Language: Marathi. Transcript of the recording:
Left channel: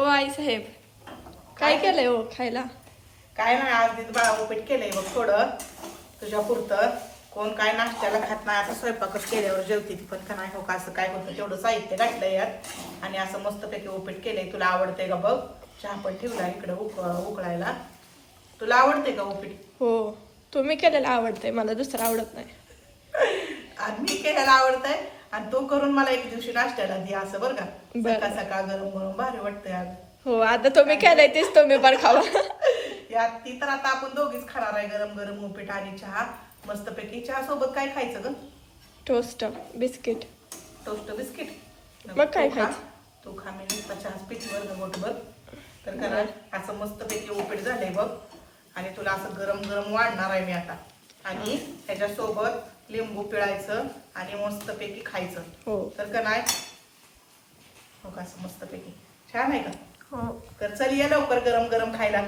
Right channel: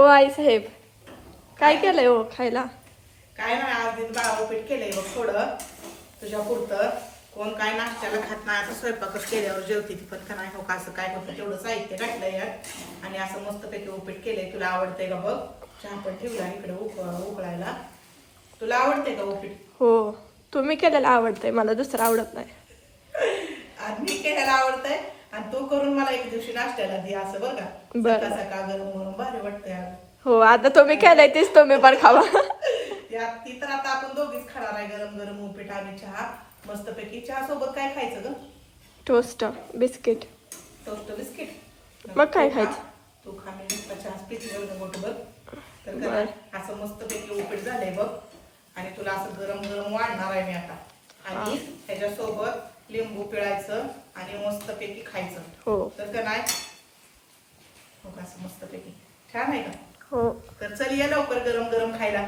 ओ आई साहेब, काय केलंय हो खायला? काय नाही, आज दीदी बाळा उपीट केलंय बघ थोडं तुझ्या पुरतं. कोण काय नाश्त्याला खात नाही, आता स्वयंपाकच केल्यावर जेवते ती पण का नाही हो का असं काय होतं, तेवढं साहित्य घातलंय यात आणि असं मस्तपैकी उपीट केलंय. तुला आवडतंय का बघ? चहा पण ठेवला इकडे उकळायला. तुला आवडते का उपीट? हो, तुम्ही केलेलं आवडतंय, मला दुसरं आवडत नाही. आणि मी केलेला आवडतंय आणि तो करून मला एक दिवशी नाश्त्याला दे असं बरं का. बरं. सकाळ सकाळ गरम गरम भारी वाटतंय अगं. हो, आता तुम्ही केलंय तेच तुम्ही पण खावा. यात ती तर आता आपण दोघीच खाणार आहे, गरम गरम उपीट आणि चहा. मस्तपैकी चहा सोबत काय खायचं ग? Toast, biscuit. Toast biscuit. मग काय तू खा. खायचं? तू खा, मी नुसता चहाच पिते बरं मोठभर. तर का असं मस्तपैकी उपीट झालंय बघ आणि तुला असं गरम गरम वाढणार आहे मी आता. आणि त्याच्यासोबत लिंबू पिळायचं आणि मस्तपैकी खायचं. हो. तर का नाही हो का, असं मस्तपैकी छान आहे का? हो. तर चल ये लवकर गरम गरम खायला.